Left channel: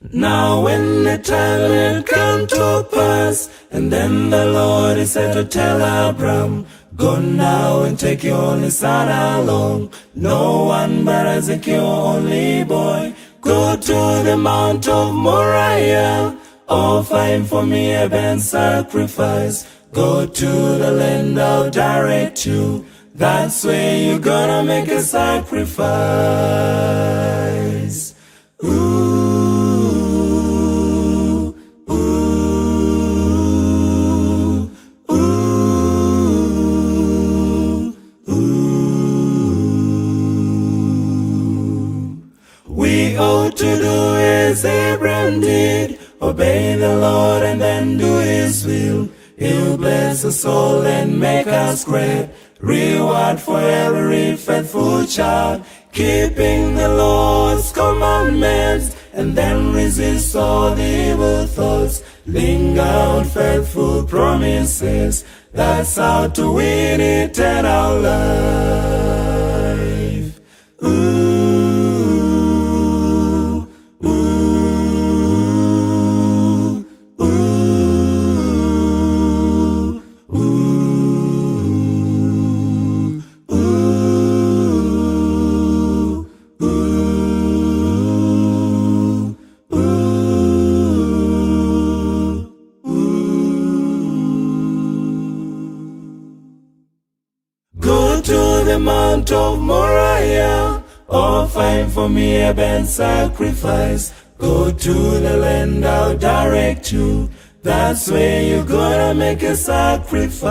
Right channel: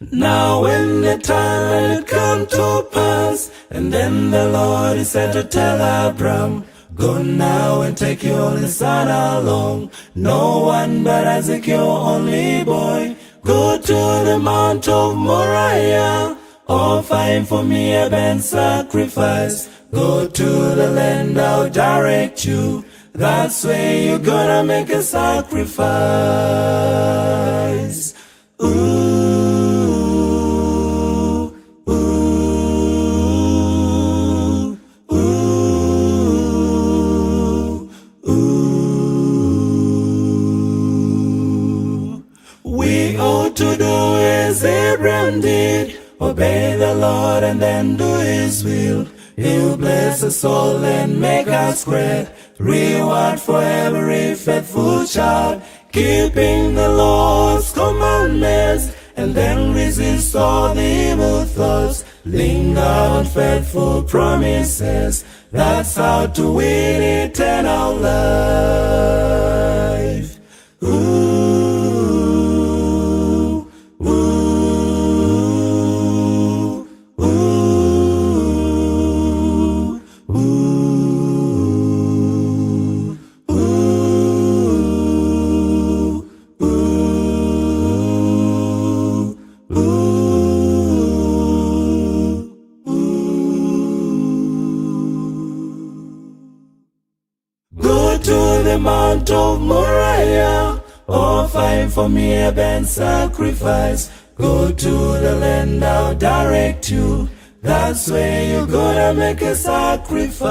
Now when the time had come to pass, and then the Lord he said to tell Abram, go now and take your only son along, no one but Isaac your only boy. Go to the Mount of Moriah, offer him for me a burnt sacrifice. Go to the land I'll direct you, that's where you're gonna make a sacrifice. Ooh, ooh, ooh, ooh. We ought to do as Abraham did, obey the Lord and then do his will. He'll bless us all and make us great, reward for every faithful child, keeping the Lord's commandments, and then resist all the evil thoughts, linger on faithful promises. That's how to win eternal life. Ooh, ooh, ooh. Mount of Moriah, offer him for me a burnt sacrifice. Go to the land I'll direct you, that's where you're gonna make a sacrifice.